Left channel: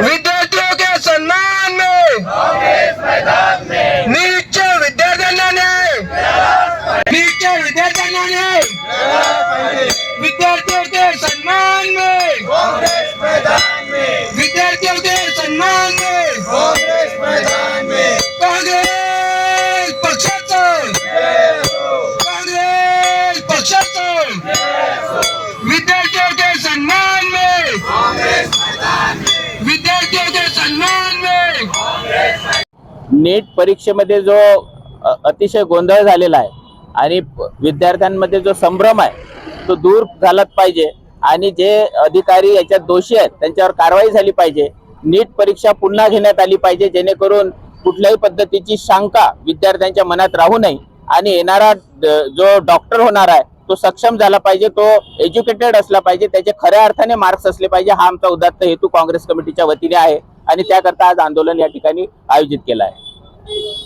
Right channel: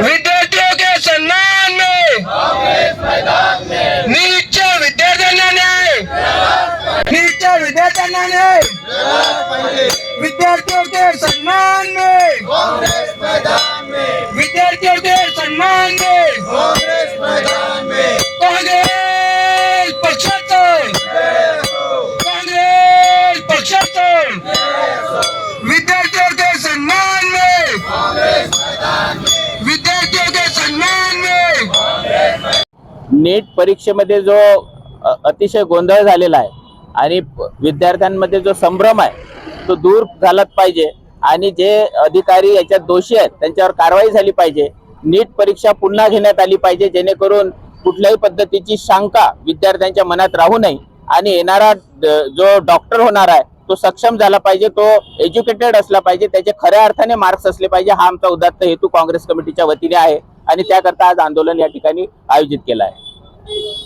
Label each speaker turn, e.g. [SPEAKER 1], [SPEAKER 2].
[SPEAKER 1] विद्यार्थियों के सम्मान में। नीटच्या विद्यार्थ्यांना न्याय। नीटच्या विद्यार्थ्यांना न्याय। विद्यार्थियों के सम्मान में।
[SPEAKER 2] नीट परीक्षेमध्ये जो अतिशय गोंधळ झालेला आहे आणि विद्यार्थ्यांमध्ये जो संभ्रम आहे तो दूर झालाच पाहिजे. आणि जे अधिकारी याच्यात दोषी आहेत त्यांच्यावर कारवाई झाली पाहिजे. नीट परीक्षा पुन्हा घेण्यात आली पाहिजे जेणेकरून कुठल्याही पद्धतीची शंका विद्यार्थ्यांच्या मनात राहू नये. आणि येणारा जो डॉक्टर होणार आहे तो सक्षम झाला पाहिजे तो एज्युकेटेड असला पाहिजे त्याचे खऱ्या अर्थाने मार्क्स असले पाहिजे हा आमचा उदात्त हेतू काँग्रेस कमिटीच्या वतीने आहे. आणि त्याकरता आज आंदोलन या ठिकाणी आयोजित केलं आहे. Thank you.